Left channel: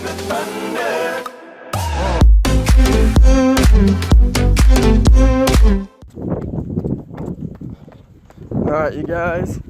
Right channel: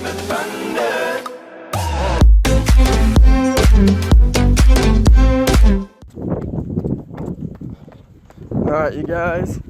Alright, you guys.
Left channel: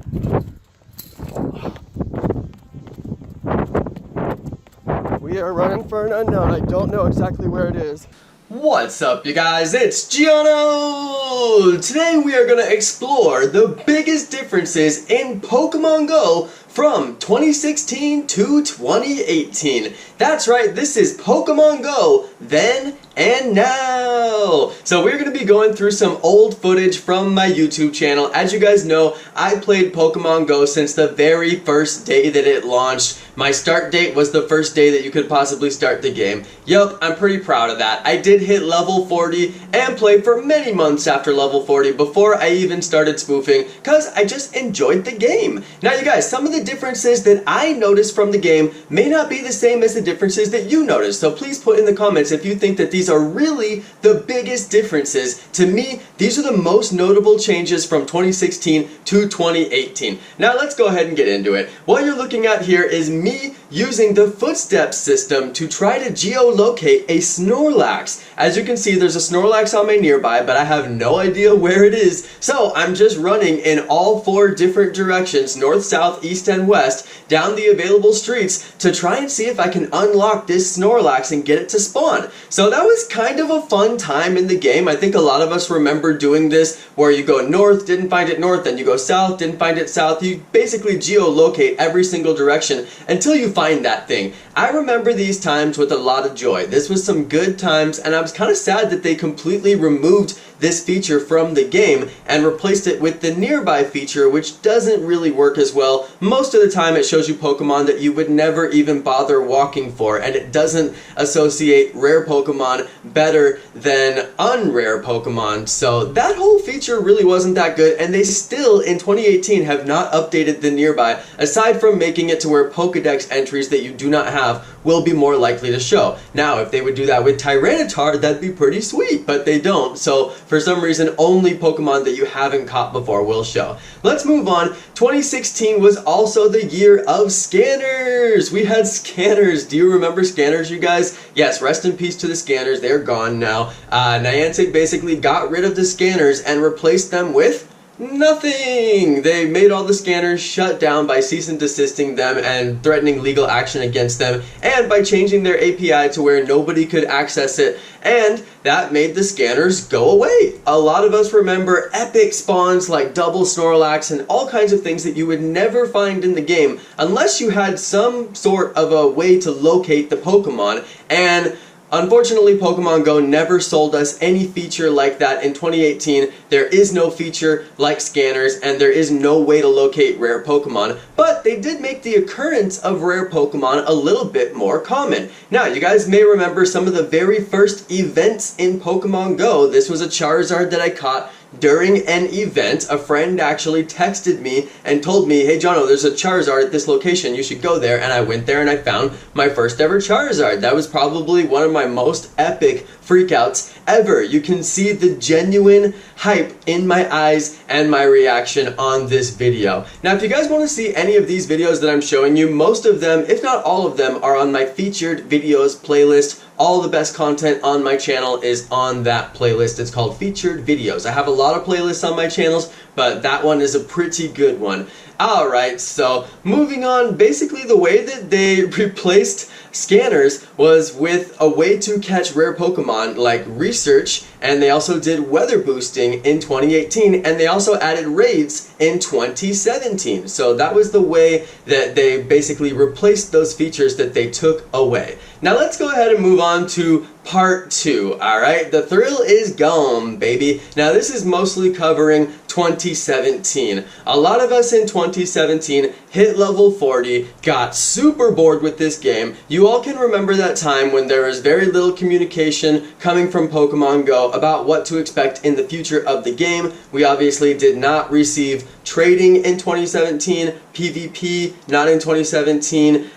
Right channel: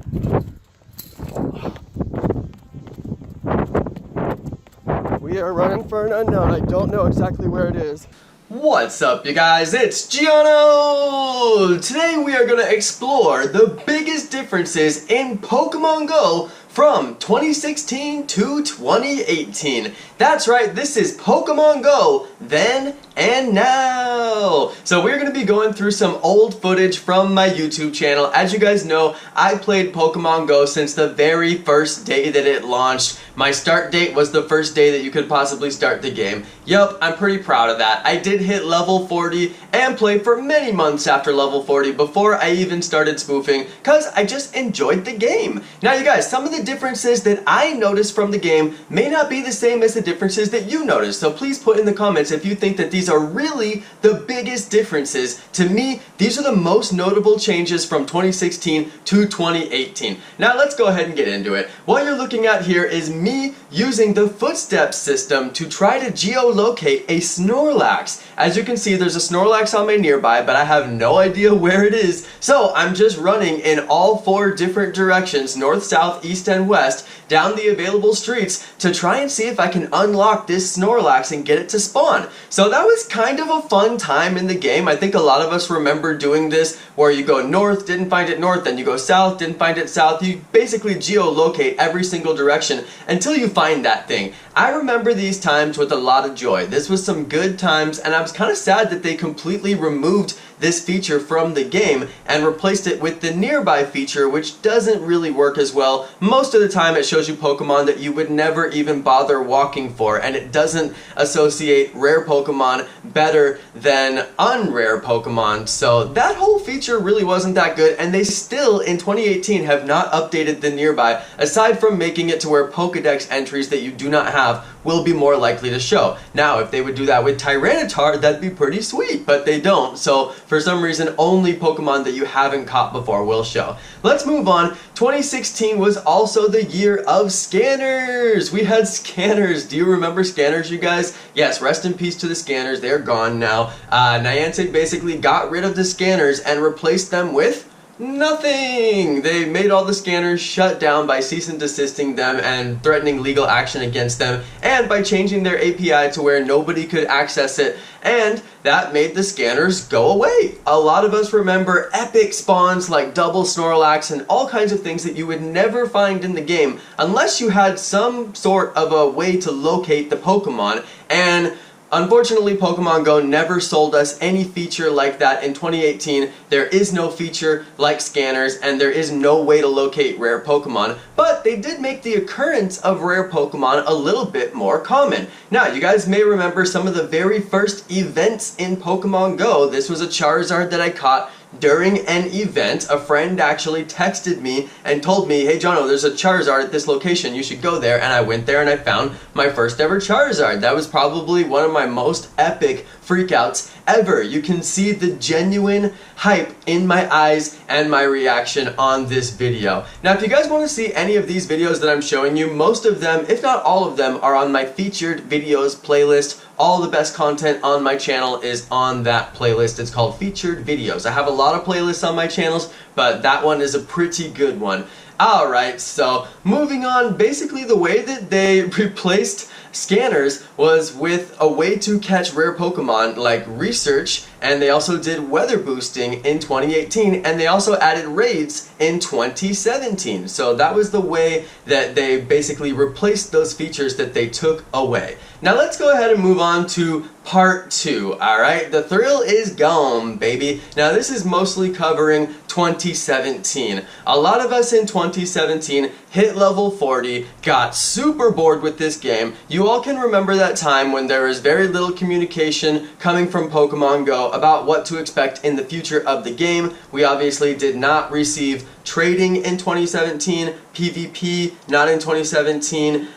We are running for an unknown. I don't know exactly where it is. What's up, you guys? It's Jonno! Today we are going to explore the biggest differences in Pokemon Go from 2016 to 2018. That's right, this is Pokemon Go then and now. So we're going to be going through some old footage from my YouTube channel. As you guys know, I played Pokemon Go since the very first day that it launched. My start date was the first day that you could possibly start the game. Yup, I'm pretty proud of that. I did hit level 40 and play for many months after level 40 before I even started spoofing because I just enjoyed the game. Now you guys, some of the differences that I noticed from the game may not be the same as the differences that you noticed. So please put in the comments if you think that these are really the biggest differences. To me, these are the most notable changes from 2016 to 2018. Now let's go ahead and get into it. What you're looking at here is me using the footsteps system to try to geolocate a Snorlax. As you can see, there's a Snorlax on my nearby, but I have no idea where it is. So I'm just running in all four different directions, north, south, east, and west, down the available streets to try and see if I can unlock this Snorlax and get it to spawn. So that was kind of a fun time in the game. I think a lot of us remember doing this where you go north, didn't find it north, then you go south, didn't find it south. You basically geolocate every single direction until you find that thing. I remember these times with a lot of joy. This was some good times, and I was kind of sad that they completely removed this feature from the game and replaced it with the nearby feature, which doesn't really work as well. Most of the time it shows you Pokemon that you would never even bother walking for, and it doesn't associate rare Pokemon better than unrare Pokemon. So that whole feature really wasn't that good, and they still in 2018 have not updated the nearby, aside from making it to where Pokedex entries that you do not have will be more likely to show. Now if they would do that with Tyranitar, that'd be pretty sweet, but they don't. So for some reason only Pokemon that you haven't caught before will show. Let's move on. 2016 was also the year of scanners. We had scanners. Do you remember scanners, you guys? Yes, rest in peace to the scanners. They're gone now. Niantic basically got rid of the scanners and replaced them with nothing! They made all the scanners shut down by cease and desisting them and threatening legal action against them, and by changing their API to where nobody could access it, and that made the scanners go away. A lot of us remember epic spawns like double Snorlax and all kinds of things that you would never find in the game unless you had some sort of a way to locate the Pokemon, and unfortunately, Pokemon Go never sold us any feature like that in 2018. There is no feature like scanners, and there is no way to locate rare Pokemon, but they did make the occurrence of rare Pokemon a little bit more common. Now, you guys may remember some of the very first events in Pokemon Go. This was a Charizard that I caught during an event. A friend actually texted me and told me, hey Jonno, there's a Charizard at this location, you should go there, and I went there and I found my first ever Charizard. That was probably one of my most epic freakouts ever. You can see the genuine hype in my eyes and my reaction on this video. Now if you guys want to see any of these videos that I'm showing you, most of them, if not all of them, are on my featured videos playlist. All the best content on my channel is on that playlist. It's called Featured Videos. I have a lot of playlists on my channels, but that one is a pretty good one. Alright, so moving on, basically the way that they replaced scanners was with a way to catch rare Pokemon like research, and they also did weather boosting in 2018, and they also added raids in 2017. So that was the way that they basically replaced those features that they took away. Now let's go ahead and move on to part 2, alright? The thrill is gone, baby. Now this is mostly covering 2017. A lot of us in 2017 hit level 40, got super bored with this game. You all can remember that time when there was very little communication coming from Pokemon Go about what to expect in the future of the game. We obviously did not receive trading in 2017, PvP not in 2017,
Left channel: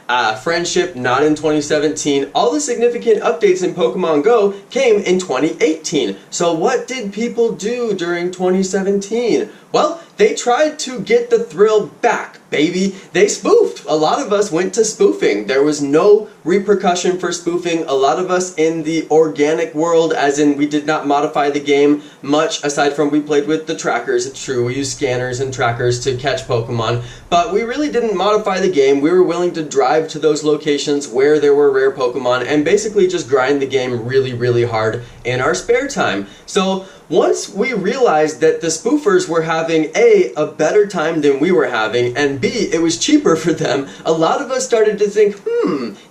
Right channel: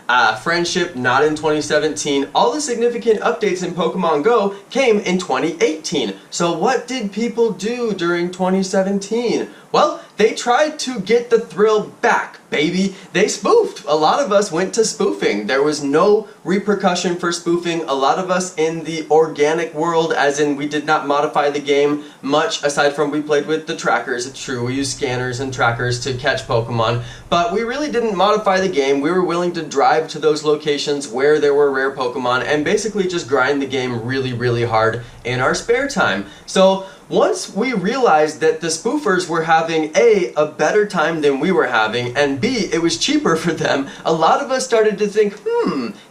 friendship not in 2017. All the significant updates in Pokemon Go came in 2018. So what did people do during 2017? Well, they tried to get the thrill back, baby. They spoofed. A lot of us went to spoofing. There was no repercussion for spoofing. A lot of us in the organic world, as in we did not modify the game much, aside from we played with the trackers. It's true, we used scanners and trackers to catch Pokemon, but we really didn't modify the game. We were willing to drive to those locations where there were rare Pokemon and basically just grind the game really, really hard in our spare time. So once we realized that the spoofers were having a better time than we were having, and B, it was cheaper for them, a lot of us started to think,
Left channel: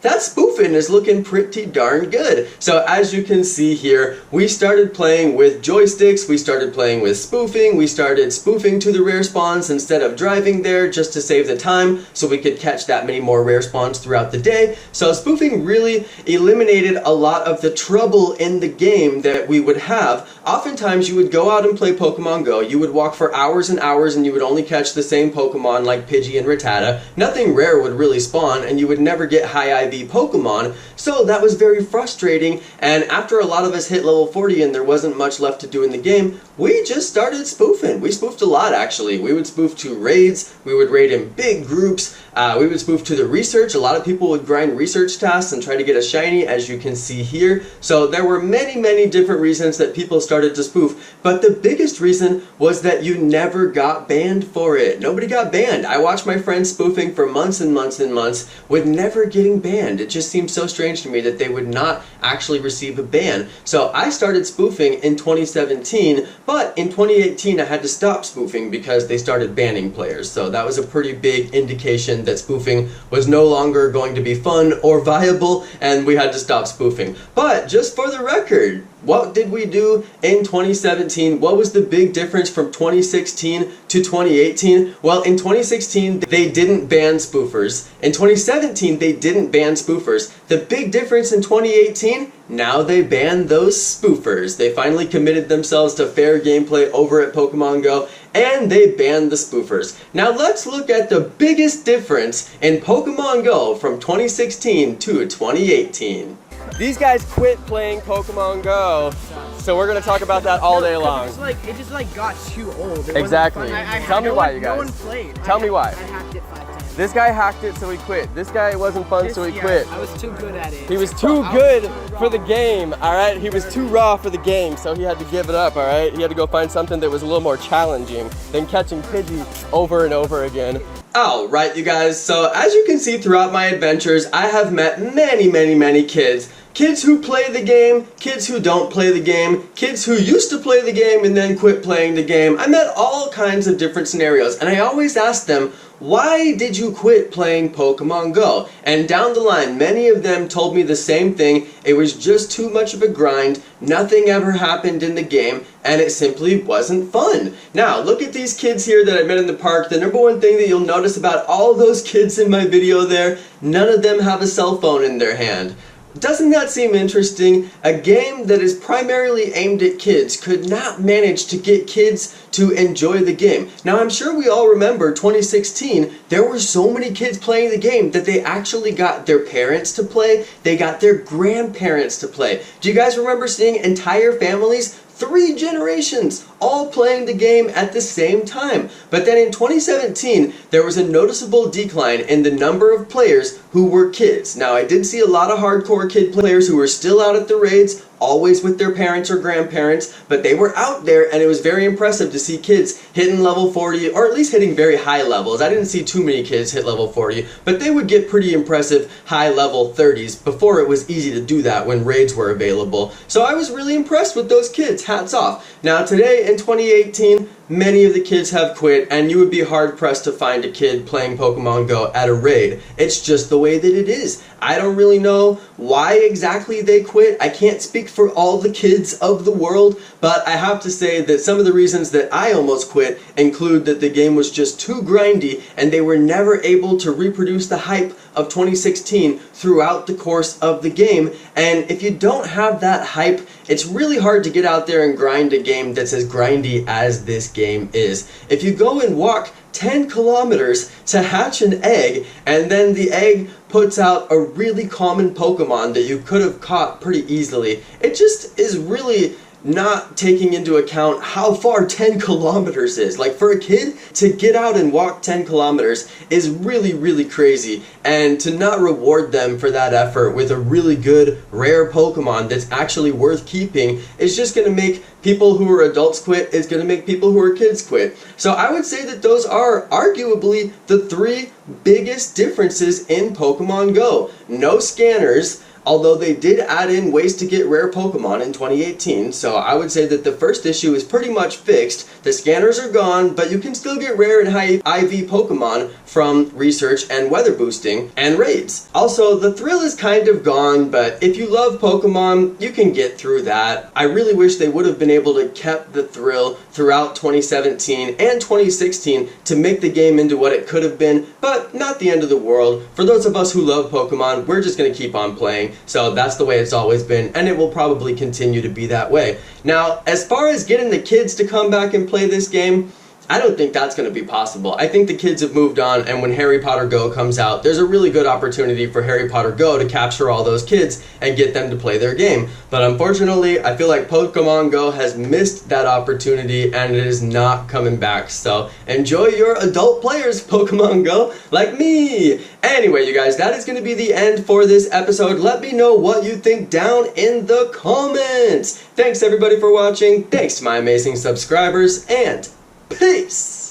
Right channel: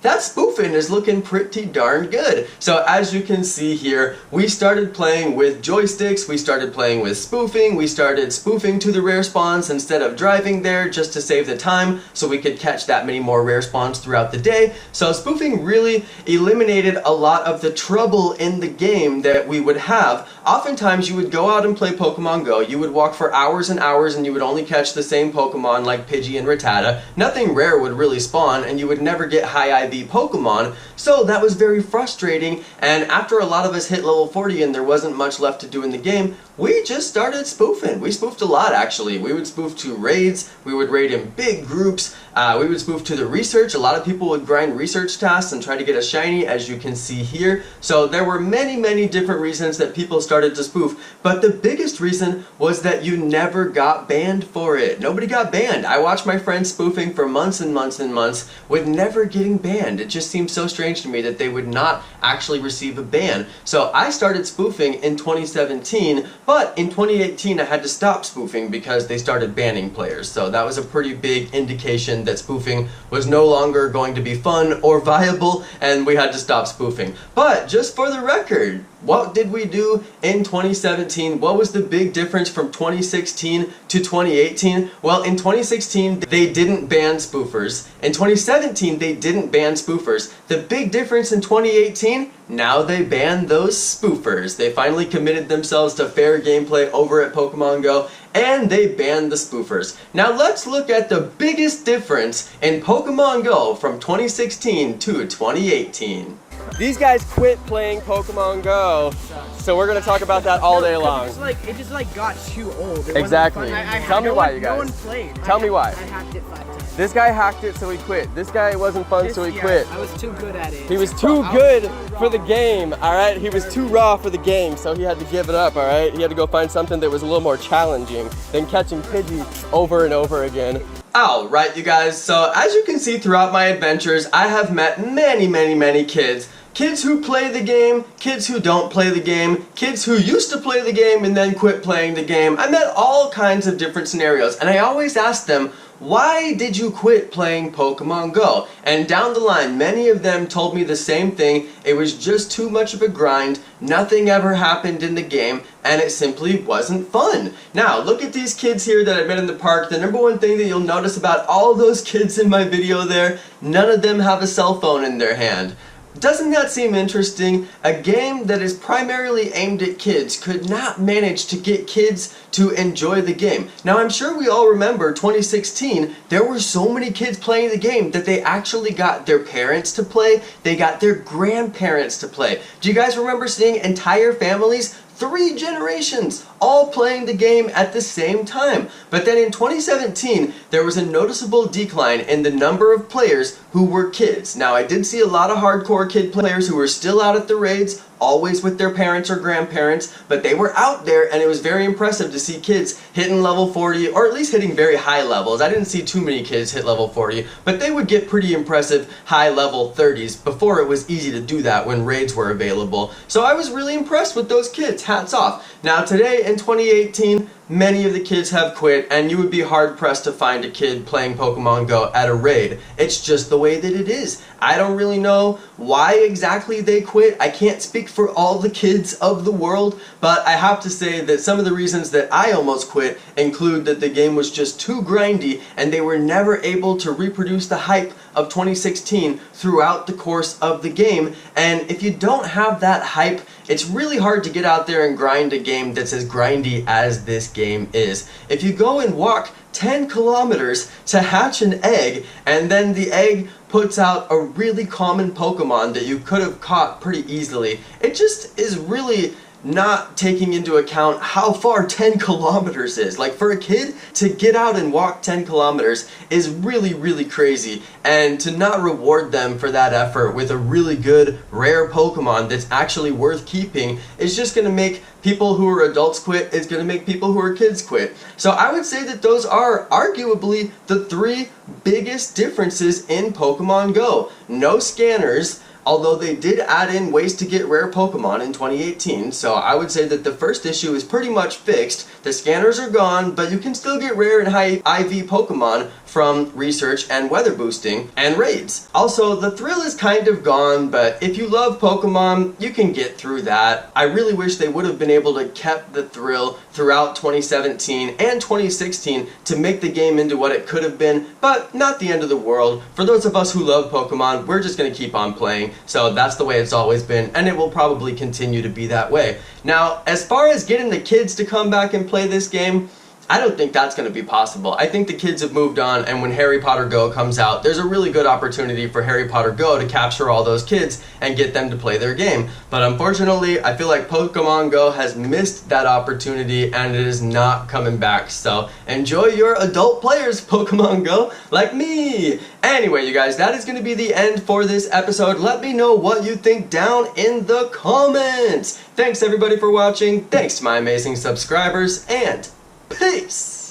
that spoofing is looking pretty darn good. So as you can see here, we started playing with joysticks, we started playing with spoofing, we started spoofing to the rare spawns instead of driving there just to save the time so we could catch that many more rare spawns throughout the day. So spoofing really eliminated a lot of the trouble in the game that we would have. Oftentimes you would go out and play Pokemon Go, you would walk for hours and hours and you would only catch the same Pokemon like Pidgey and Rattata. Nothing rare would really spawn and you would never get high IV Pokemon, so that was very frustrating, and after a lot of us hit level 40 and there wasn't much left to do in the game, we just started spoofing. We spoofed a lot actually. We would spoof to raids, we would raid in big groups, we would spoof to the research. A lot of people would grind research tasks and try to get a shiny, as you can see here. So there were many different reasons that people started to spoof, but the biggest reason was that you never got banned for it. Nobody got banned. I watched my friends spoofing for months and months and months with never getting banned. It just seemed so strange to me that they would not actually receive a ban. So I started spoofing in 2017, but in 2018 I had to stop spoofing because they started banning players. So that was a pretty big indication that spoofing was no longer going to be fun or viable, and we had to stop spoofing. But just for the record, what did we do in 2017? What was the big difference from 2016 to 2018? Well, in 2016, they didn't ban spoofers. In 2017, they didn't ban spoofers. The big difference in 2018, now they ban those spoofers. They finally committed themselves to fair gameplay over at Pokemon Go, and they banned the spoofers. Now let's look at the biggest difference in Pokemon Go from 2016 to 2018. These guys quit playing Pokemon Go, so we're gonna talk about that all day long. It just got too old. Exactly. Tell me why, you guys. No one played. Tell me why. I hacked it 5 times. This guy hacked it, so he quit. This guy wasn't fun, so he quit. I was too good at it. He was too good for the game, alright? He was too raw for the game, so he had to give it up, alright? He had to go find something that was a little more challenging than catching Pidgey over and over again. Alright, you guys, so as you can see throughout my adventures, I have met many kids. Kids who play the game, kids who don't play the game, kids who used to play the game and then quit playing the game. I met all kinds of different scenarios, and I always asked them, why did you quit playing Pokemon Go? And down the line, many of them told me the same thing. It was just too much of a grind, nothing ever happened in the game, and it simply wasn't fun. Now, look at these kids here that I met in the park. The number one thing that you'll notice about all those kids in my video there, none of them have a cell phone in their hand. Doesn't that seem interesting? A game that is primarily aimed at kids could not manage to get kids to enjoy the game. Now, I'm sure we all remember 2016, there were so many kids playing the game that they actually got their parents to play, they got their grandparents to play. Do you guys remember seeing entire families? 3 generations all playing the game at the same time. But then in 2017, there was a noticeable decline in the number of players who were kids. Now, I did see a lot of hardcore kid players who were still out at the raids, always with their parents or grandparents, but they were out there, and it was very impressive to see kids hitting level 40, or at least hitting very high levels. I didn't see too many kids hit level 40, but they would get pretty impressive high level 30s before it was easy to do that when raids were available. So I was really impressed with those kids, hats off. Now today in 2018, many of the kids have quit, and you would be hard-pressed to find a kid playing Pokemon Go at a raid. It's just the way that it is. I don't really know why exactly they quit. I can't speak for all the kids of the world, but I have to say that some of the reasons that I almost quit include that the game was just too grindy, and they were never able to reproduce the hype of 2016 throughout the course of the game. And if you don't have that hype, it's really hard to get out there and grind a game that's as grindy as this game is. If you go and walk 10 kilometers to hatch an egg, and then the egg puts out a really common Pokemon that you could have caught pretty easily, it just is really not taking into account how far 10 kilometers is. Like, for a kid to get out and walk 10 kilometers is really, really crazy, and to not reward them for that effort with a really good rare Pokemon that's actually worth keeping is just going to make people who are adults quit. It's going to make people who are kids quit. So I would say that those are arguably the three biggest differences in Pokemon Go. No scanners, although they did add in ways to get rare Pokemon in 2018, so I would say that the first issue is pretty much fixed. The scanners are gone, but you can still get rare and high IV Pokemon from research and weather boosting and raids. Also, the thrill is kind of gone, but if you love Pokemon, you can get through that. I really wish they would have been able to kept the thrill throughout 2017 and 2016 to make the game into what it could have been, but not the end of the world. For those of us who love Pokemon, we're just going to keep on playing. So that's the way it's always been, and it will probably continue to be that way. Now, as far as getting the kids to come back and play this game, I don't think that's going to be possible. I think the kids have moved on, and when Harry Potter Go comes out, there's a really good opportunity for Harry Potter Go to capture all those kids and get them to play their game. But unfortunately, I feel like Pokemon Go has missed that opportunity, and it is not coming back. So enjoy your adult players, Pokemon Go, like me! Anyway, you guys, that is going to be the end for this episode. Let me know what you think down in the comments! Thanks everybody for watching, thanks to my amazing subscribers, and peace!